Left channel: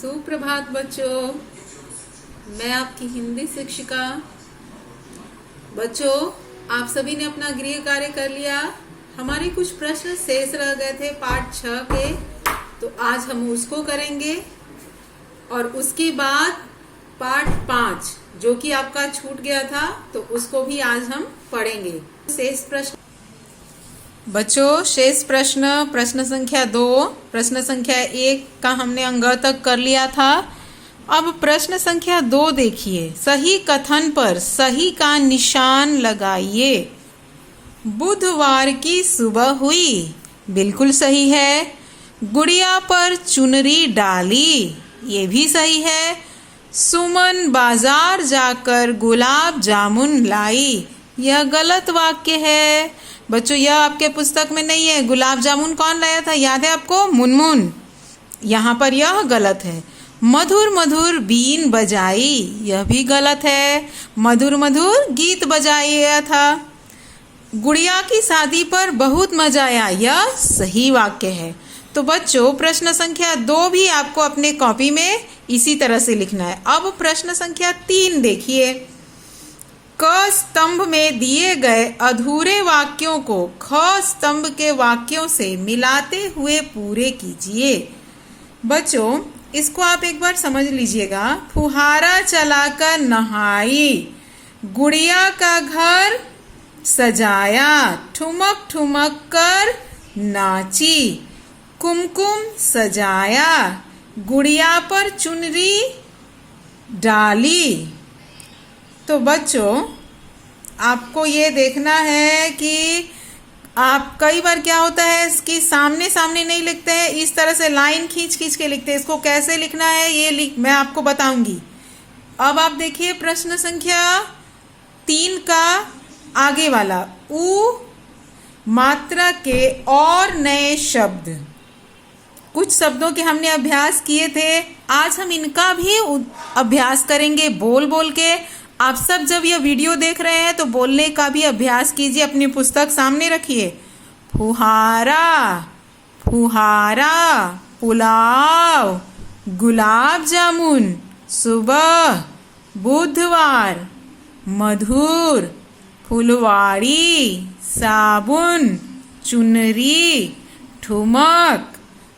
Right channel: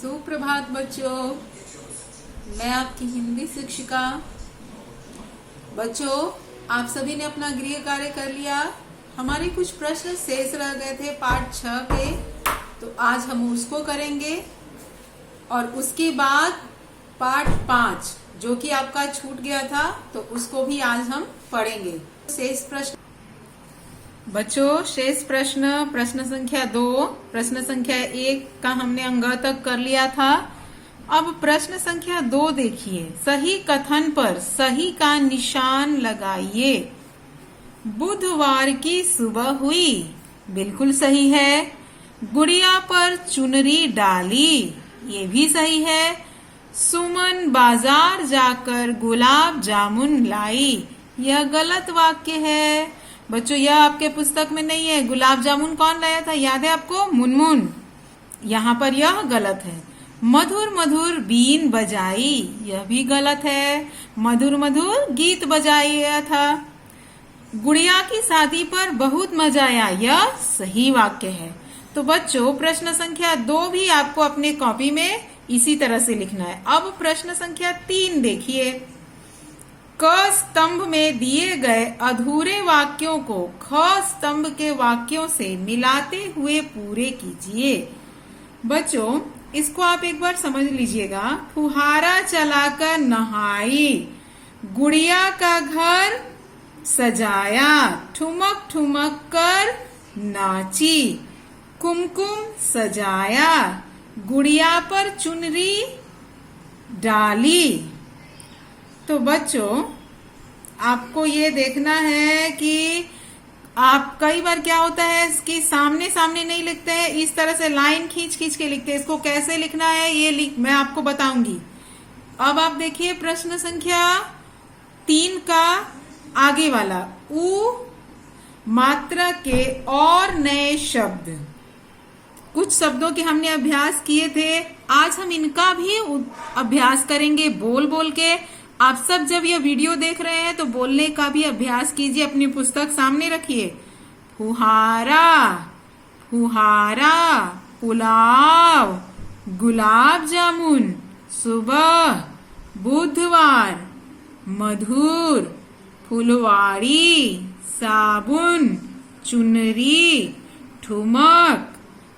सुप्रभात बच्चों, मैं आपकी हिंदी शिक्षिका। बच्चों, आप सभी ने अपना गृह कार्य कर लिया। हमारे कुछ प्रश्न शेष रह गए थे पाठ 6 के, तो आज हम उसको करेंगे और उसके बाद पाठ 5 जो कि आपका छूट गया था, तो उसको भी आज हम पढ़ेंगे। शेष प्रश्न बच्चों, शेष प्रश्न संख्या 2, प्रश्न संख्या 1 का हमने अंग तक कर लिया था। अब प्रश्न संख्या 2 देखिए। सही कथन पर सही का निशान लगाइए। बुधवार की सुबह हुई, बिल्कुल सही है। गुड़िया पर चुनरी डाली, ये भी सही है। सुमन बाजार जाकर गुलाब जामुन लाई, यह गलत वाक्य है। बच्चों, यह आपके पुस्तक में नहीं है। गुलाब जामुन कौन लाया था, याद है आपको? मुनमुन। यहाँ पर यह गलत है। मधुर मधुर बीन बजाई, यह भी गलत है। मधुर मधुर गीत बजाया था। गुड़िया की शादी पर बहुत मजा आया, यह सही वाक्य है। तो बच्चों, प्रश्न संख्या 2 भी आपको अपने कॉपी में इसी तरह से लिखना है। अब प्रश्न संख्या 3 देखिए। क स्तंभ में दिए गए अधूरे वाक्यों को ख स्तंभ के वाक्यों से मिलाते हुए पूरे कीजिए। बच्चों, इसको आप एक बार समझ लीजिएगा। फुहारा चलाकर नहाई, गुड़िया का घर सजाया, ठुमक ठुमक कर नाची, कुमकुम सजाया, गुड़िया पर चुनरी डाली। तो बच्चों, आपको ये देखना है कि आप कई बार क्या होता है कि सामने सामने नहीं लिखते हैं, इस तरह से लाइन खींच खींच के लिखते हैं। इसको कैसे लिखना है ये मैं आपको बताऊंगी। अब आप देखिए प्रश्न संख्या 3 का आगे वाला, उ मात्रा के और नए शब्द। कुछ शब्दों के हमने अभ्यास किए थे, आज हम इनका भी अभ्यास करेंगे बोल बोल के। आप सब जब यह वीडियो देख रहे हैं तो बोलने का भी अभ्यास कीजिए। अपनी पुस्तक सामने रखिए। फुहारा, फुहारा, पुलाव, गुलाब जामुन, सुबह, बुधवार, मधुर, फुलवाड़ी, साबुन, चुनरी, ठुमक,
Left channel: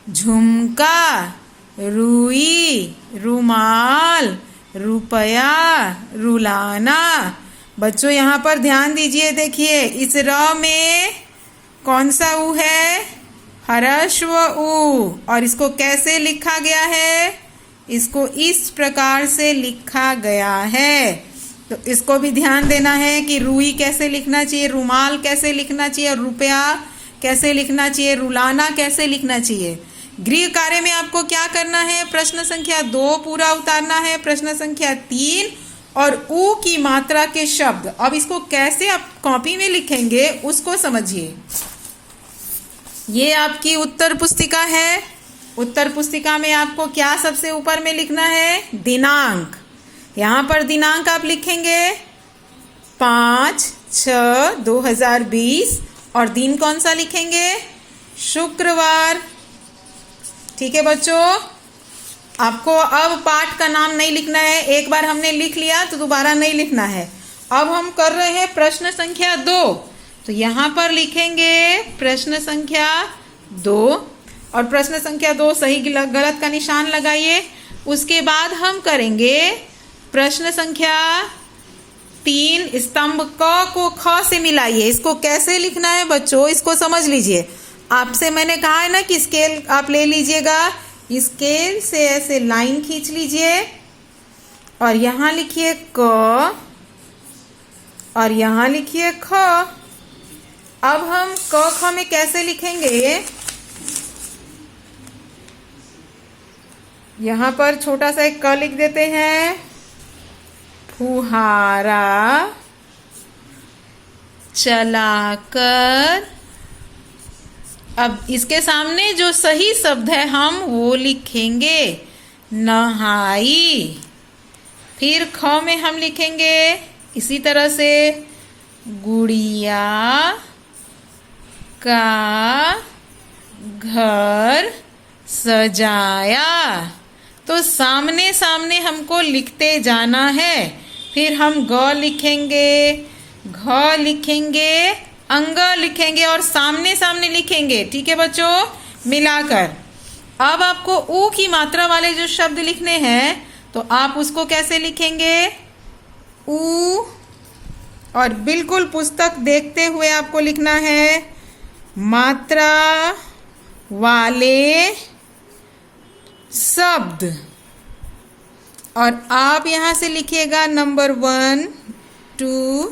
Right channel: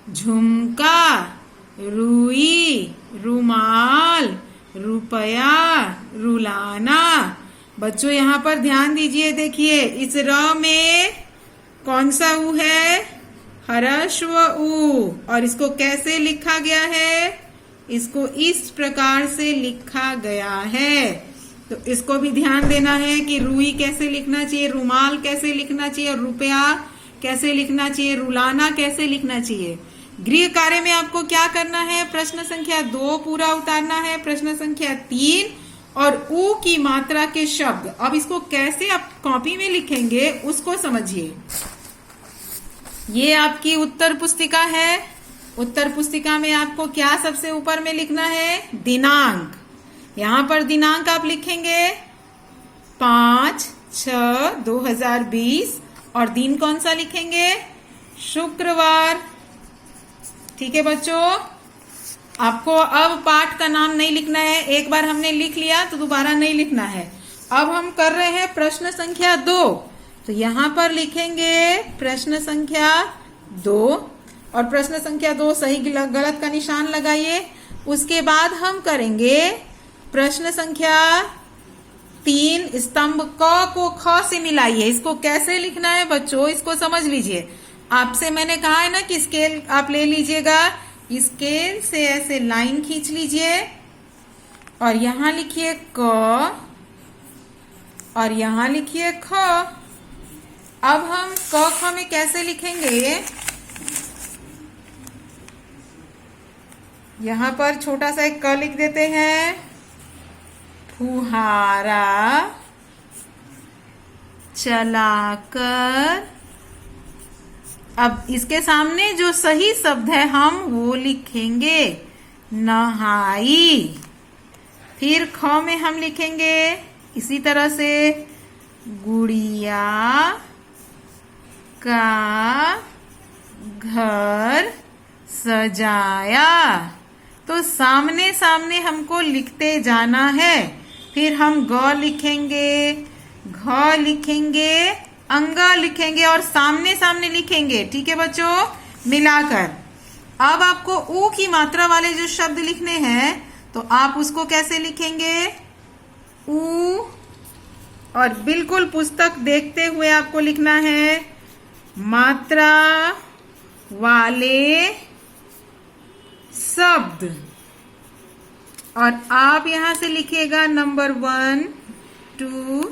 झुमका, रुई, रुमाल, रुपया, रुलाना। बच्चों, यहाँ पर ध्यान दीजिए। देखिए, इस र में कौन सा उ है? ह्रस्व उ। और इसको कैसे लिखा गया है? इसको इस प्रकार से लिखा गया है। तो इसको भी ध्यान देना है कि रुई कैसे लिखना चाहिए, रुमाल कैसे लिखना चाहिए, रुपया कैसे लिखना चाहिए, रुलाना कैसे लिखना चाहिए। गृह कार्य में आपको क्या करना है? प्रश्न संख्या 2 पूरा उतारना है, प्रश्न संख्या 3 और उ की मात्रा के शब्द। अब इसको कैसे आप कॉपी में लिखेंगे उसको समझिए। ये आपकी उत्तर पुस्तिका है। उत्तर पुस्तिका में आपको क्या सबसे ऊपर में लिखना है? दिनांक। यहाँ पर दिनांक आप लिखेंगे 5/6/2020 और दिन कौन सा लिखेंगे? शुक्रवार। ठीक है बच्चों, आपको अब पाठ का नाम नहीं लिखना है। एक बार हमने लिख लिया तो दोबारा नहीं लिखना है। अब हम कर रहे हैं प्रश्न संख्या 2। तो यहाँ पर लिखेंगे प्रश्न संख्या 2 और प्रश्न संख्या 2 सही गलत का निशान लगाइए। उसके बाद हम करेंगे प्रश्न संख्या 3, स्तंभ क को ख से मिलाइए। इसको कैसे लिखना है बच्चों, इसको समझ लीजिए। आपसे मैंने कहा है ना कि स्केल आप ले लीजिएगा, स्केल से ऐसे लाइन खींच लीजिए और यहां लिखिए क और यहां लिखिए ख। अब हम क ख में कैसे लिखेंगे? यहां पर छोटा सा एक क लिख देते हैं। फुहारा चलाकर, अब इसके सामने जो सही शब्द है हम वो लिखेंगे। नहाई। फिर ख में हम लिखेंगे इसी तरह से गुड़िया का घर सजाया। तो सामने सामने हमको लिखते जाना है। फिर हम ग लिखेंगे, घ लिखेंगे, अंगा लिखेंगे और सामने सामने लिखेंगे। ठीक है बच्चों, मिलाकर। अब आपको ऊ की मात्रा वाले जो शब्द लिखने हैं तो आप उसको कैसे लिखेंगे? ऊ, और बिल्कुल पुस्तक देखते हुए आपको लिखना है मात्रा वाले शब्द। और आप यहां से लिखिएगा नंबर 1, 2,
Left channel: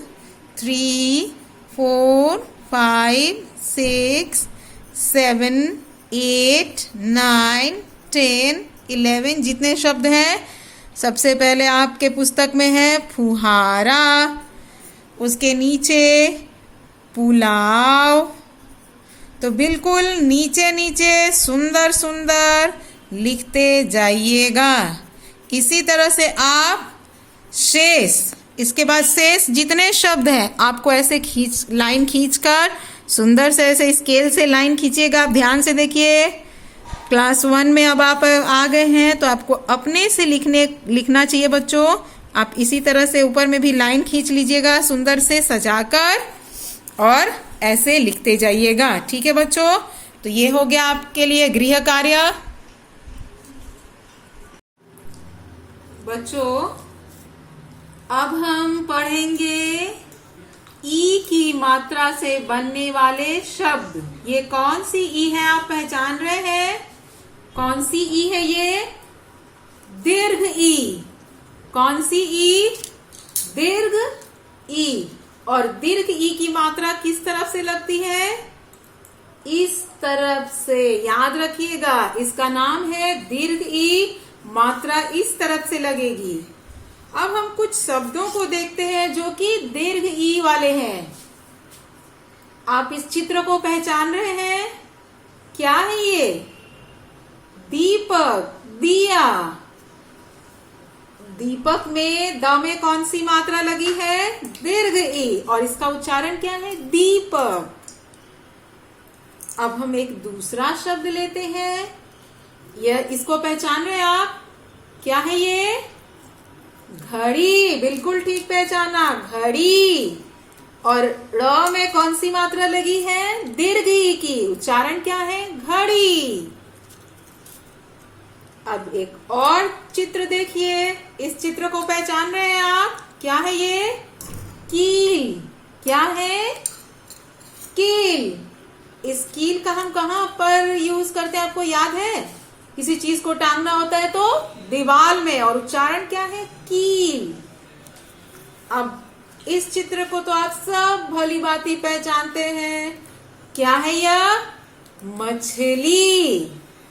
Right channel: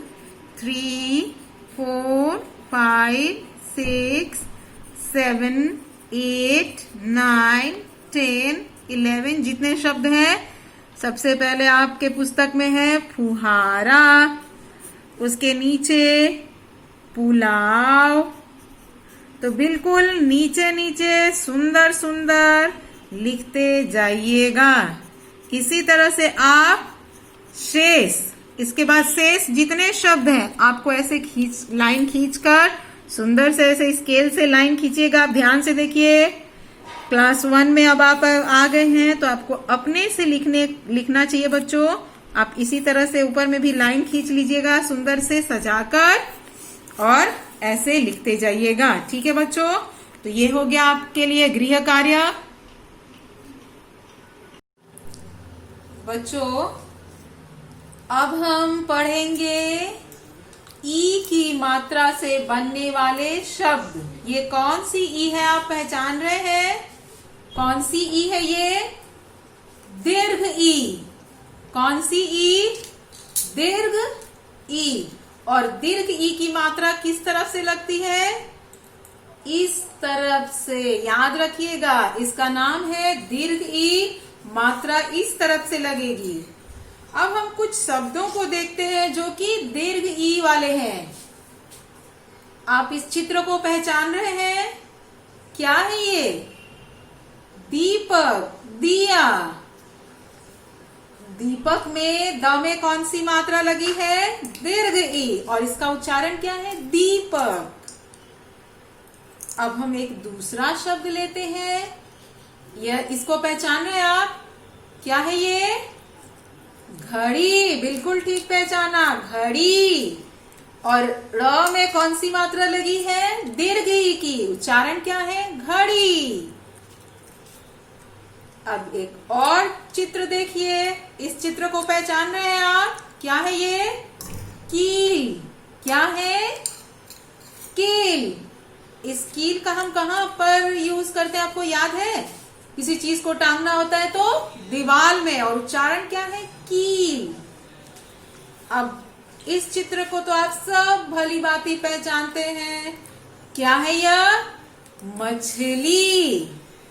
3, 4, 5, 6, 7, 8, 9, 10, 11 जितने शब्द हैं। सबसे पहले आपके पुस्तक में है फुहारा, उसके नीचे पुलाव। तो बिल्कुल नीचे नीचे सुंदर सुंदर लिखते जाइएगा। इसी तरह से आप शेष, इसके बाद शेष जितने शब्द हैं आपको ऐसे लाइन खींचकर सुंदर से ऐसे स्केल से लाइन खींचिएगा। आप ध्यान से देखिए, क्लास 1 में अब आप आ गए हैं तो आपको अपने से लिखना चाहिए बच्चों। आप इसी तरह से ऊपर में भी लाइन खींच लीजिएगा सुंदर से सजाकर और ऐसे लिखते जाइएगा। ठीक है बच्चों, तो ये हो गया आपके लिए गृह कार्य। बच्चों अब हम पढ़ेंगे ई की मात्रा से बनने वाले शब्द। ये कौन सी ई है आप पहचान रहे हैं? कौन सी ई है ये? दीर्घ ई। कौन सी ई? दीर्घ ई। और दीर्घ ई की मात्रा किस तरफ से लगती है? इस तरफ से। याद रखिएगा, इसका नाम है दीर्घ ई। मात्रा इस तरफ से लगेगी। अब हम कुछ शब्दों को देखते हैं जो कि दीर्घ ई वाले हैं। आप इस चित्र को पहचान रहे हैं? क्या है ये? दीपक, दिया। दीपक में द में कौन सी मात्रा लगी है? दीर्घ ई। और इसका उच्चारण क्या है? दीपक। अब हम एक दूसरा शब्द लेते हैं। यह, इसको पहचान रहे हैं आप? क्या है ये? घड़ी। बिल्कुल ठीक पहचाना, घड़ी। और र में कौन सी मात्रा लगी है? दीर्घ ई की। उच्चारण क्या है? घड़ी। अब एक और चित्र देखिए। इस चित्र को पहचान रहे हैं आप? क्या है ये? कील। क्या है? कील। इस कील का हम कहाँ पर यूज करते हैं आपको याद है? किसी चीज को टांगना होता है तो दीवार में। और उच्चारण क्या है? कील। अब इस चित्र को तो आप सब भली भांति पहचानते हैं। क्या है यह? मछली।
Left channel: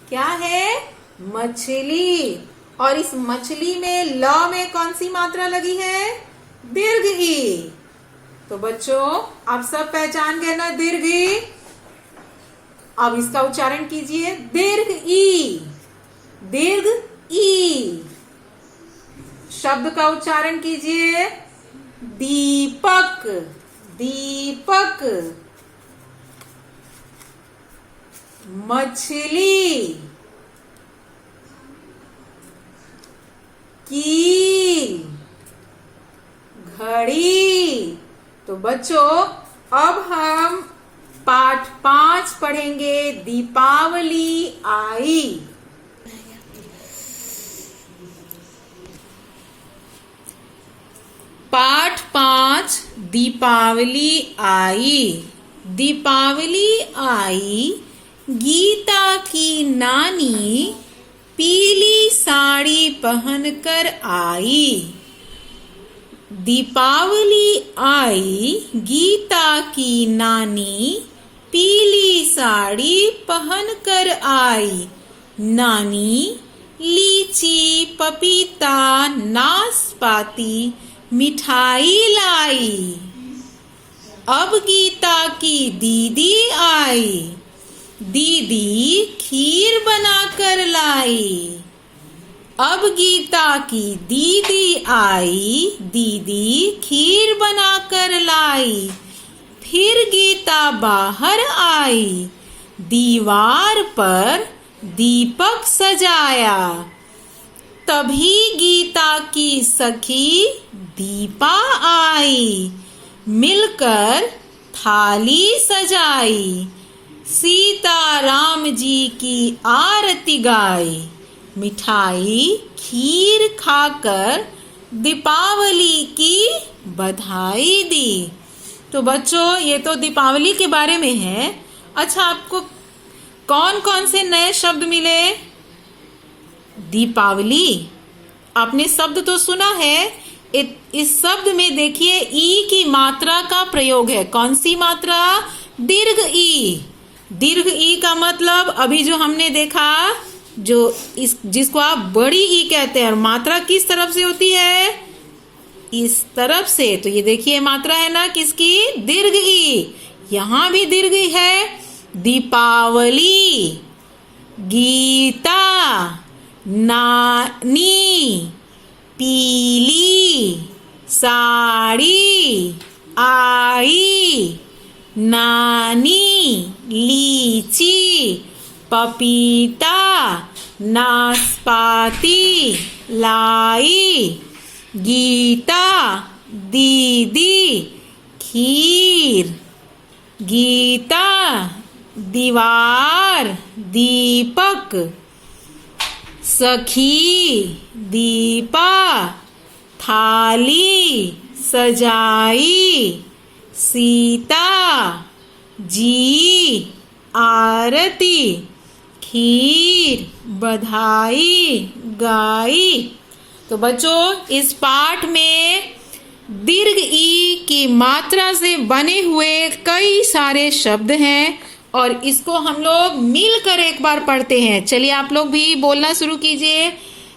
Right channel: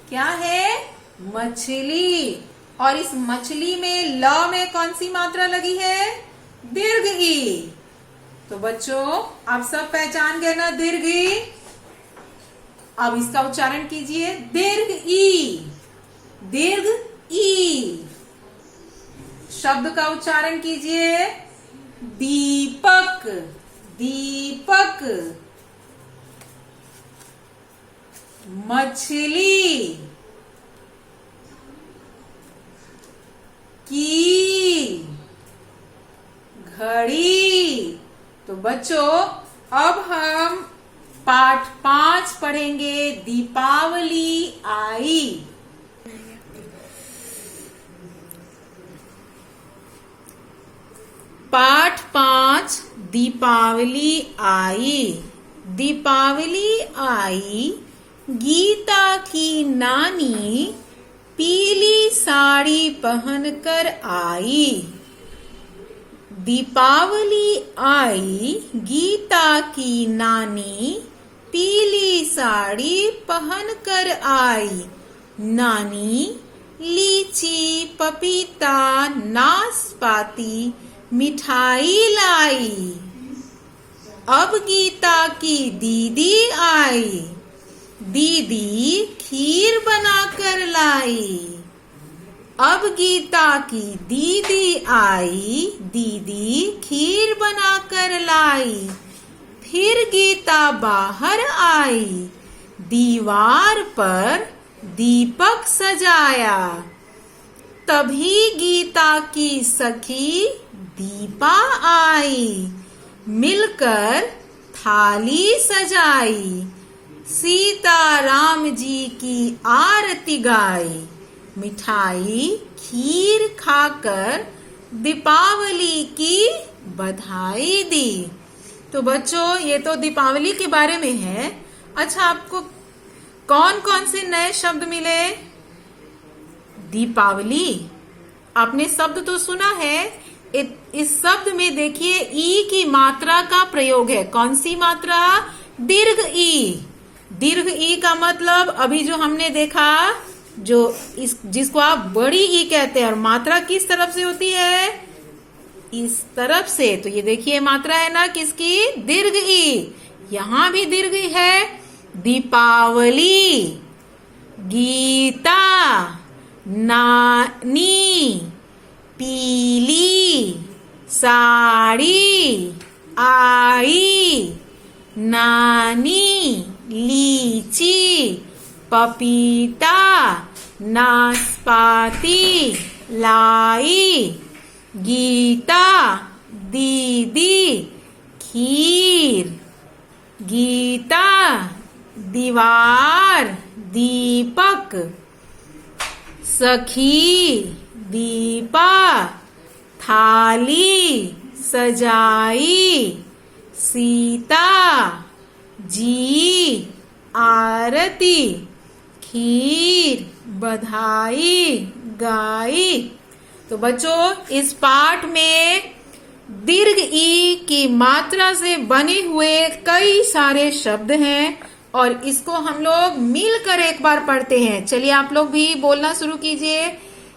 क्या है? मछली। और इस मछली में ल में कौन सी मात्रा लगी है? दीर्घ ई। तो बच्चों आप सब पहचान गए ना दीर्घ ई? अब इसका उच्चारण कीजिए, दीर्घ ई। दीर्घ ई। शब्द का उच्चारण कीजिए, दीपक। दीपक। मछली। कील। घड़ी। तो बच्चों अब हम पाठ 5 पढ़ेंगे, दीपावली आई। पाठ 5 दीपावली आई। दीपावली आई, गीता की नानी पीली साड़ी पहनकर आई। दीपावली आई, गीता की नानी पीली साड़ी पहनकर आई। नानी लीची, पपीता, नाशपाती, मिठाई लाई। अब गीता की दीदी आई। दीदी खीर बनाकर लाई। अब गीता की दीदी आई। दीदी खीर बनाकर लाई। फिर गीता बाहर आई। दीवार पर दीपक सजाया। तभी गीता की सखी दीपा आई, मिलकर थाली सजाई, सीता राम जी की आरती गाई, मिठाई खीर खाकर दीपावली की बधाई दी। तो बच्चों, ये तो दीपावली के बारे में है। अच्छा, आपको कौन कौन से नए शब्द मिले? दीपावली, आपने शब्द तो सुना है। इस शब्द में देखिए ई की मात्रा का प्रयोग है। कौन सी मात्रा? दीर्घ ई। दीर्घ ई का मतलब अभी जो हमने देखा, जो जिसको आप बड़ी ई कहते हैं, और मात्रा किस तरफ से होती है? इस तरफ से। तो ये देखिए मात्रा है ना किसकी? दीर्घ ई। यहां भी दीर्घ ई है। दीपावली, गीता, नानी, पीली साड़ी आई, नानी, लीची, पपीता, नाशपाती लाई, गीता, दीदी, खीर, गीता, दीवार, दीपक, सखी, दीपा, थाली सजाई, सीता जी, आरती, खीर, बधाई गाई। तो बच्चों, इस पाठ में दीर्घ ई की मात्रा से बने हुए कई सारे शब्द हैं और इसको हम लोग मिलकर एक बार पढ़ते हैं। चलिए आप लोग भी बोलना शुरू कीजिए।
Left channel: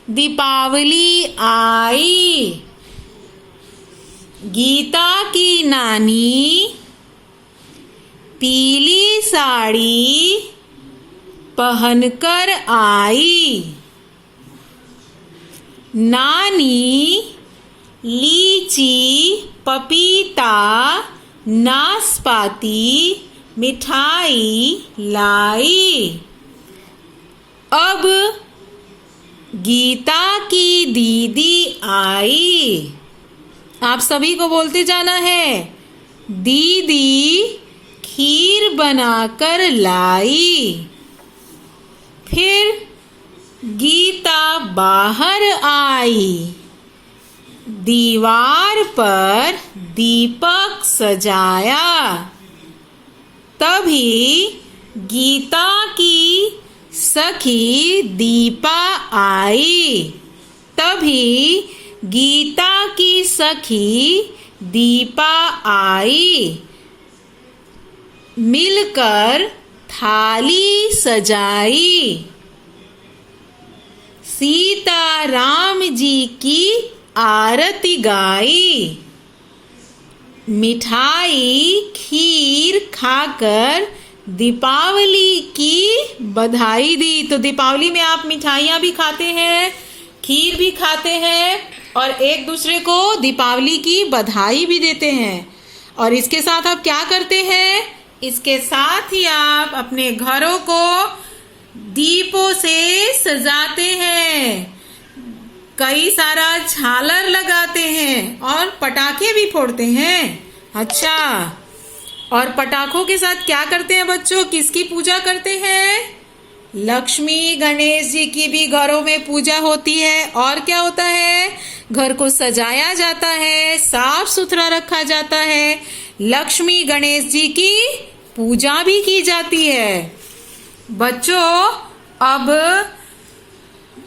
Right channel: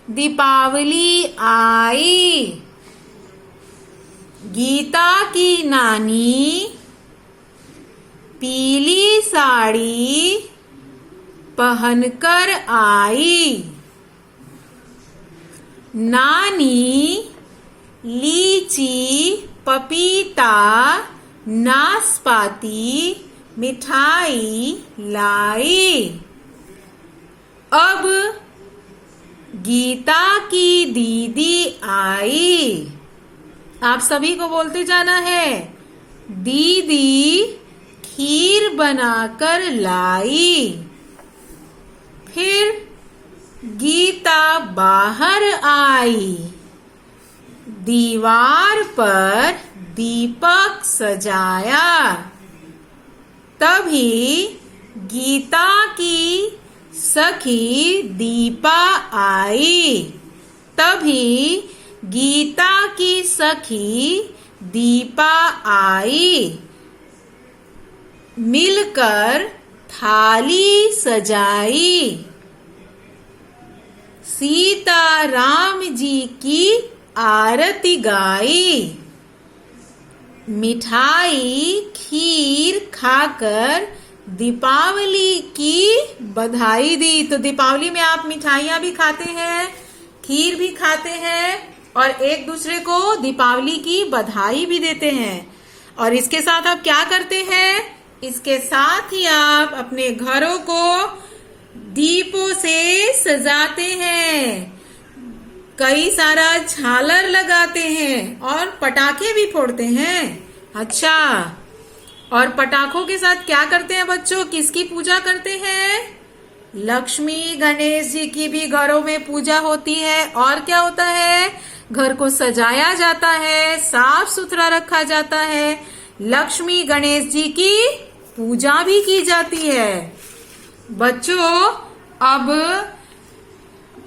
दीपावली आई, गीता की नानी पीली साड़ी पहनकर आई, नानी लीची, पपीता, नाशपाती मिठाई लाई। अब गीता की दीदी आई। आप सभी को बोलते जाना है। दीदी खीर बनाकर लाई। फिर गीता बाहर आई, दीवार पर दीपक सजाया। तभी गीता की सखी दीपा आई। तभी गीता की सखी दीपा आई, मिलकर थाली सजाई, सीता राम जी की आरती गाई, मिठाई खीर खाकर दीपावली की बधाई दी। तो दीपावली में आप मिठाइयाँ भी खाते हैं, खीर भी खाते हैं और एक दूसरे को दीपावली की बधाई भी देते हैं। और इसके साथ आप क्या करते हैं? इसके साथ ही आप अपने घरों को दीपों से सजाते हैं, कई सारा झालर लगाते हैं और पटाखे भी फोड़ते हैं। अच्छा, और पटाखों के साथ क्या करते हैं बच्चों? किसकी पूजा करते हैं? लक्ष्मी गणेश जी की भी घरों में पूजा होती है। और क्या होता है? घर को सजाया जाता है, साफ सुथरा रखा जाता है, लक्ष्मी गणेश जी की पूजा भी की जाती है। बच्चों, अब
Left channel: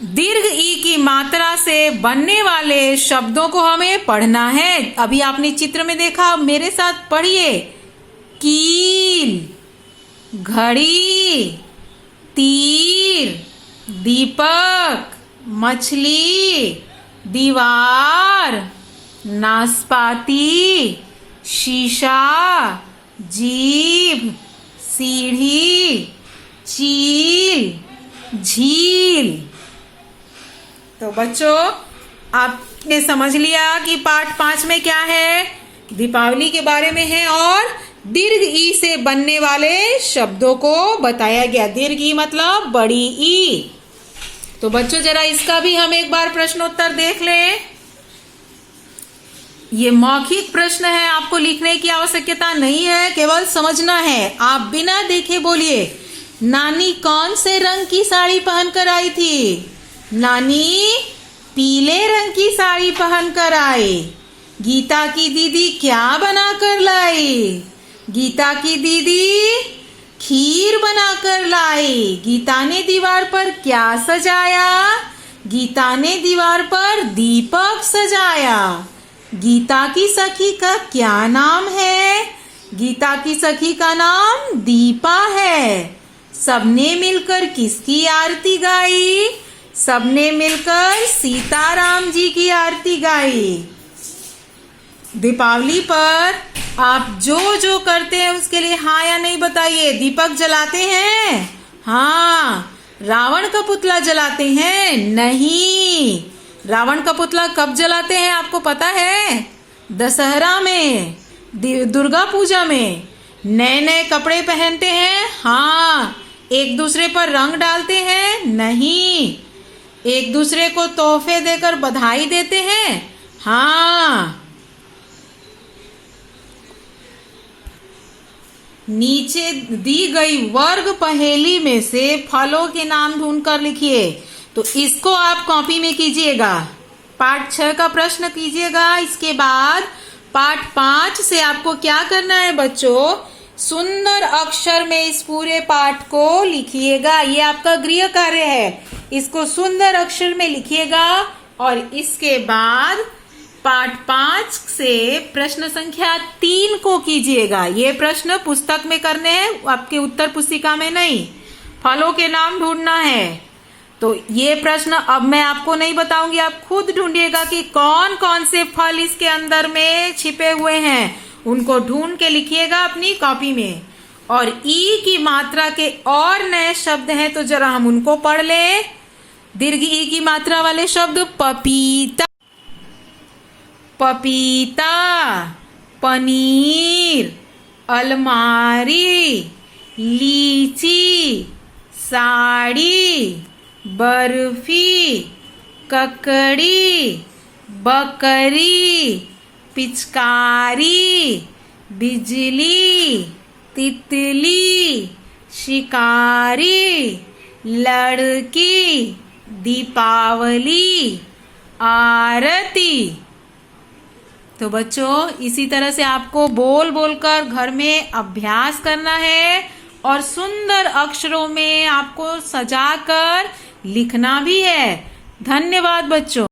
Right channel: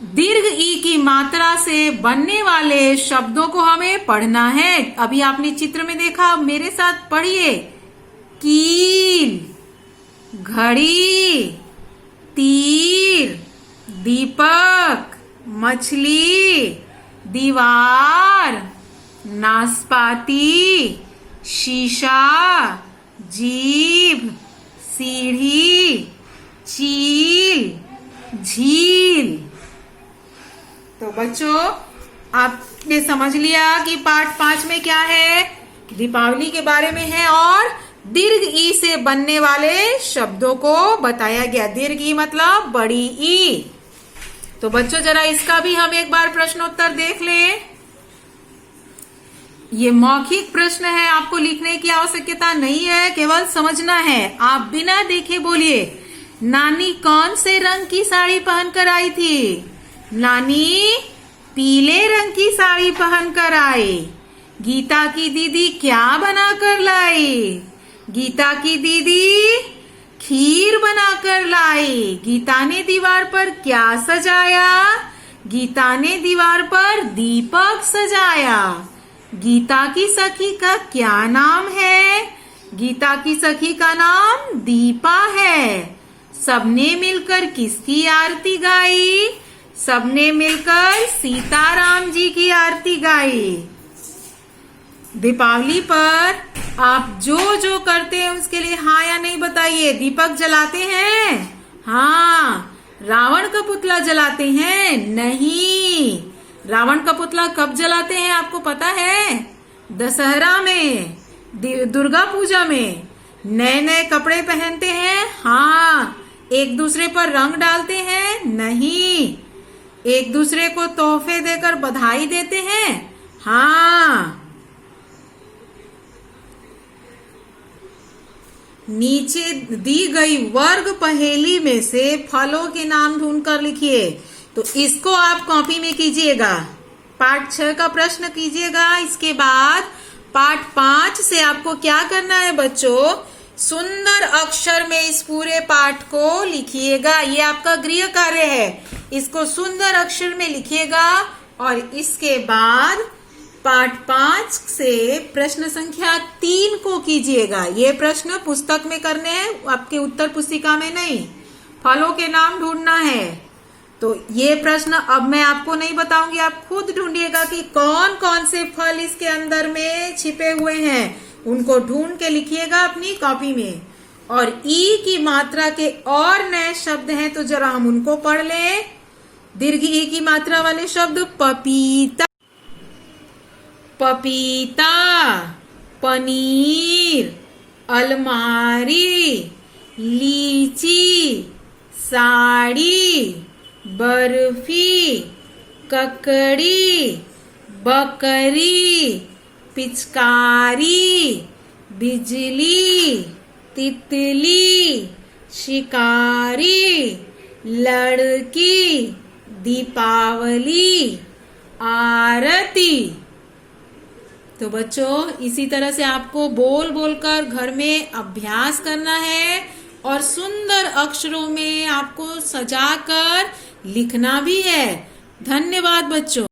दीर्घ ई की मात्रा से बनने वाले शब्दों को हमें पढ़ना है। अभी आपने चित्र में देखा, मेरे साथ पढ़िए। कील, घड़ी, तीर, दीपक, मछली, दीवार, नाशपाती, शीशा, जीभ, सीढ़ी, चील, झील। तो बच्चों, आपने समझ लिया कि पाठ 5 में क्या है? दीपावली के बारे में है और दीर्घ ई से बनने वाले शब्दों को बताया गया। दीर्घ ई मतलब बड़ी ई। तो बच्चों जरा इसका भी हम एक बार प्रश्नोत्तर देख लें। ये मौखिक प्रश्न है, आपको लिखने की आवश्यकता नहीं है, केवल समझना है। आप बिना देखे बोलिए, नानी कौन से रंग की साड़ी पहनकर आई थी? नानी पीले रंग की साड़ी पहनकर आई। गीता की दीदी क्या बनाकर लाई? गीता की दीदी खीर बनाकर लाई। गीता ने दीवार पर क्या सजाया? गीता ने दीवार पर दीपक सजाया। गीता की सखी का क्या नाम है? गीता की सखी का नाम दीपा है। सबने मिलकर किसकी आरती गाई? सबने मिलकर सीताराम जी की आरती गाई। दीपावली पर आप जो जो करते हैं उसके लिए हाँ या नहीं बताइए। दीपक जलाते हैं? हाँ। रावण का पुतला जलाते हैं? नहीं। रावण का पुतला कब जलाते हैं आपको पता है? दशहरा में, दुर्गा पूजा में। नए नए कपड़े पहनते हैं? हाँ। एक दूसरे पर रंग डालते हैं? नहीं। एक दूसरे को तोहफे देकर बधाई देते हैं? हाँ। नीचे दी गई वर्ग पहेली में से फलों के नाम ढूंढकर लिखिए। तो इसको आप कॉपी में कीजिएगा। पाठ 6 का प्रश्न कीजिएगा। इसके बाद पाठ 5 से आपको क्या करना है बच्चों? सुंदर अक्षर में इस पूरे पाठ को लिखिएगा। ये आपका गृह कार्य है। इसको सुंदर अक्षर में लिखिएगा और इसके बाद पाठ 5 से प्रश्न संख्या 3 को कीजिएगा। ये प्रश्न पुस्तक में करने हैं, आपके उत्तर पुस्तिका में नहीं। फलों के नाम ढूंढना है। तो ये प्रश्न अब मैं आपको नहीं बताऊंगी, आप खुद ढूंढिएगा कि कौन कौन से फल इसके अंदर में छिपे हुए हैं। उनको ढूंढ के लिखिएगा अपनी कॉपी में। और ई की मात्रा के और नए शब्द हैं तो जरा हम उनको पढ़ लें। दीर्घ ई की मात्रा वाले शब्द पपीता, पपीता, पनीर, अलमारी, लीची, साड़ी, बर्फी, ककड़ी, बकरी, पिचकारी, बिजली, तितली, शिकारी, लड़की, दीपावली, आरती। तो बच्चों इसी तरह से आपको बोल बोलकर घर में अभ्यास करना है और सुंदर अक्षरों में आपको सजाकर लिखना भी है। धन्यवाद बच्चों।